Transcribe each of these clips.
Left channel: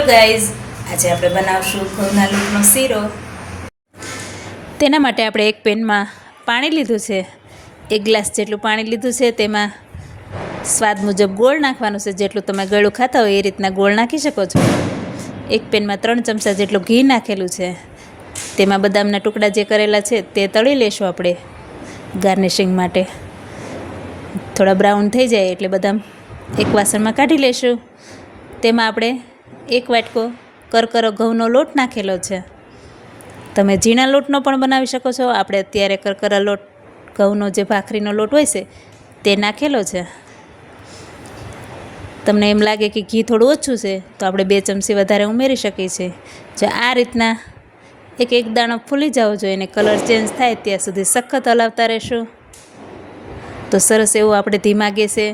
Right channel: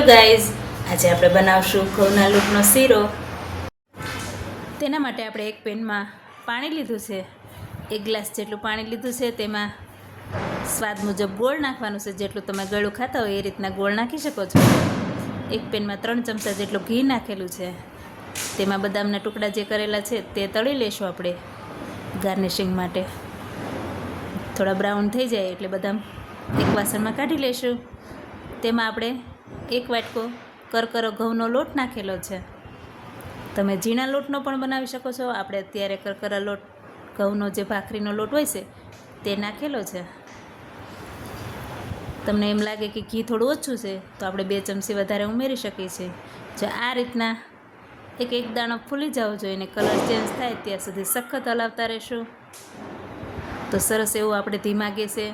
Hello guys, આજે આપણે બનાવશું ઘઉંના લોટનો શીરો। તેના માટે આપણે એક પેનમાં પાણી લીધું છે, 1 ગ્લાસ જેટલું પાણી લીધું છે। તેમાં સ્વાદ મુજબ ગોળ નાખવાનું છે, જેટલું તમે ગળું ખાતા હોય એ રીતના ગોળ નાખી શકો છો। એક પેનમાં 3 ચમચા જેટલું ઘી નાખેલું છે। તેમાં બદામના ટુકડા જે કરેલા છે તે તળી લેશું આપણે ગાર્નિશિંગ માટે। થોડા બ્રાઉન થઈ જાય એટલે બદામ એક વાસણમાં કાઢી લેશું। તેમાં આપણે 1 વાટકો કરકરો ઘઉંનો લોટ નાખેલો છે। તમે ઝીણા લોટનો પણ બનાવી શકો છો। આપણે અત્યારે કરકરા લોટ ઘઉંનો જે ભાખરીનો લોટ હોય છે તે નાખેલો છે। તમને એમ લાગે કે ઘી થોડું ઓછું છે તો આપણે 2 ચમચી વધારે ઉમેરી શકીએ છીએ। જો આ રીતના એક દાણો ફૂલી જવો જોઈએ અને કલર ચેન્જ થાય ત્યાં સુધી સખત હલાવતા રહેશું। તો સરસ એવું આપણે ધીમા ગેસે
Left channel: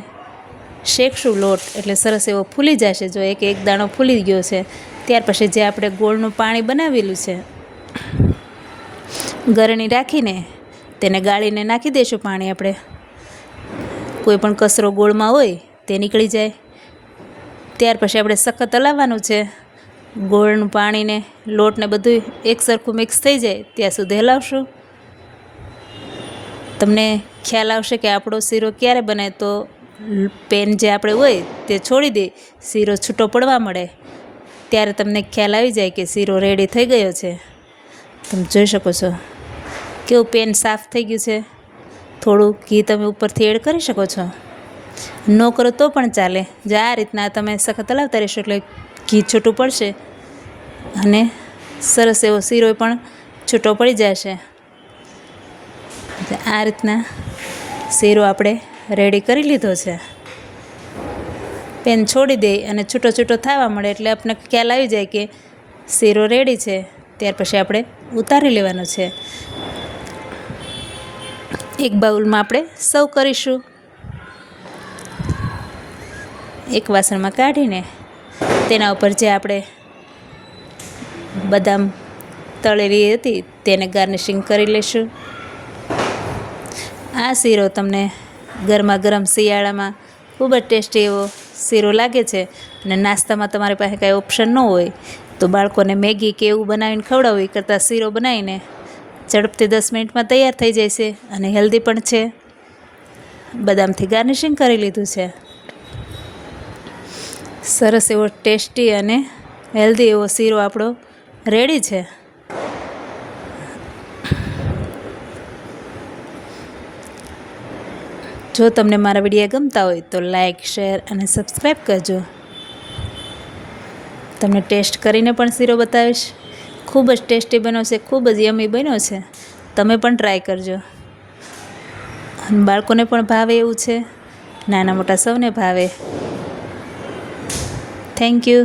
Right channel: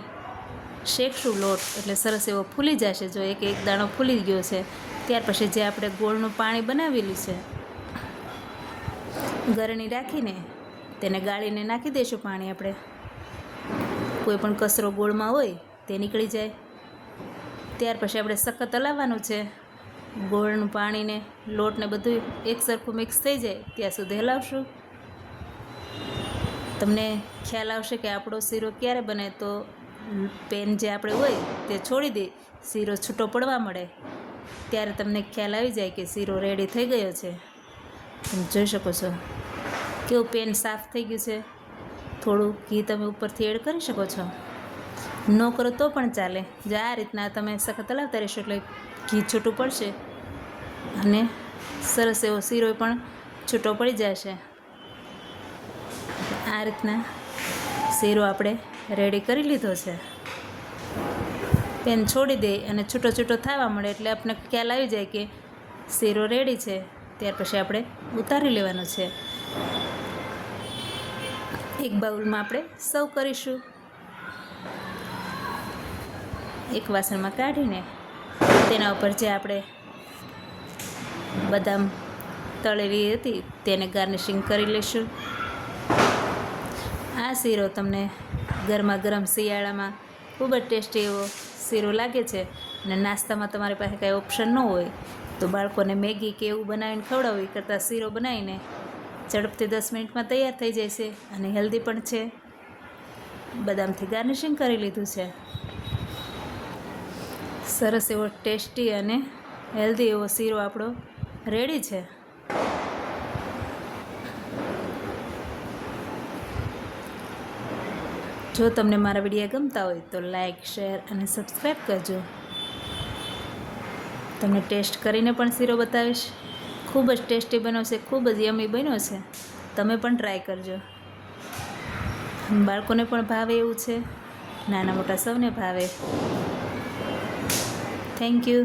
શેકશું લોટ, એટલે સરસ એવો ફૂલી જશે। જો એક દાણો ફૂલી ગયો છે ત્યાર પછી જે આપણે ગોળનું પાણી બનાવેલું છે, ગરણી રાખીને તેને ગાળીને નાખી દઈશું પાણી। આપણે કોઈ પણ કચરો ગોળમાં હોય તે નીકળી જાય। ત્યાર પછી આપણે સખત હલાવવાનું છે। ગોળનું પાણીને લોટને બધું એક સરખું મિક્સ થઈ જાય ત્યાં સુધી હલાવશું। તમને ખ્યાલ આવશે કે આપણો શીરો ક્યારે બને તો પેન જે આપણે હોય તે છોડી દે, શીરો છૂટો પડવા મળે, ત્યારે તમને ખ્યાલ આવી જાય કે શીરો રેડી થઈ ગયો છે। તમે જોઈ શકો છો કેવું પેન સાફ થઈ ગયું છે। થોડું ઘી તમે ઉપરથી એડ કરી શકો છો, ન કરો તો પણ ચાલે। જો આ રીતના તમે સખત હલાવતા રહેશો એટલે ઘી છૂટું પડશે અને સરસ એવો શીરો પણ છૂટો પડી જશે। આ રીતના શીરો આપણે રેડી કરી લીધો છે। પેન છોડી દે અને છૂટો છૂટો થવા મળે એટલે આપણને ખ્યાલ આવી જાય કે શીરો રેડી છે। ત્યાર પછી આપણે ઉતારી લેવાનું છે। એક બાઉલમાં આપણે સર્વ કરીશું। એક વાસણમાં કાઢીને તેના ઉપર જે આપણે બદામ તળેલી હતી તેને ગાર્નિશિંગ કરી લઈશું। આ શીરો તમને ગરમા ગરમ શિયાળામાં ખૂબ જ ટેસ્ટી એવો શીરો લાગે છે। અને નાસ્તામાં તમારી પાસે કાંઈ ઓપ્શન ન હોય તો બાળકોને મેગી કે એવું બનાવીને ખવડાવવું એ કરતાં શીરો બનાવીને ઝડપથી 10 મિનિટમાં તૈયાર થઈ જાય છે અને હેલ્ધી પણ છે। બદામથી ગાર્નિશિંગ કરી લીધું છે। સરસ એવો ટેસ્ટી અને હેલ્ધી એવો શીરો આપણો રેડી છે। જો તમને મારા વિડીયો ગમતા હોય તો લાઈક, શેર અને સબસ્ક્રાઈબ કરજો। તમને ટેસ્ટ કરીને પણ શીરો બતાવીશ। ખૂબ જ ટેસ્ટી બન્યો છે, ખૂબ જ યમી બન્યો છે। તમે પણ ટ્રાય કરજો। બાળકોને પણ ભાવે એવું છે, નાના મોટા સૌને ભાવે। Thank you.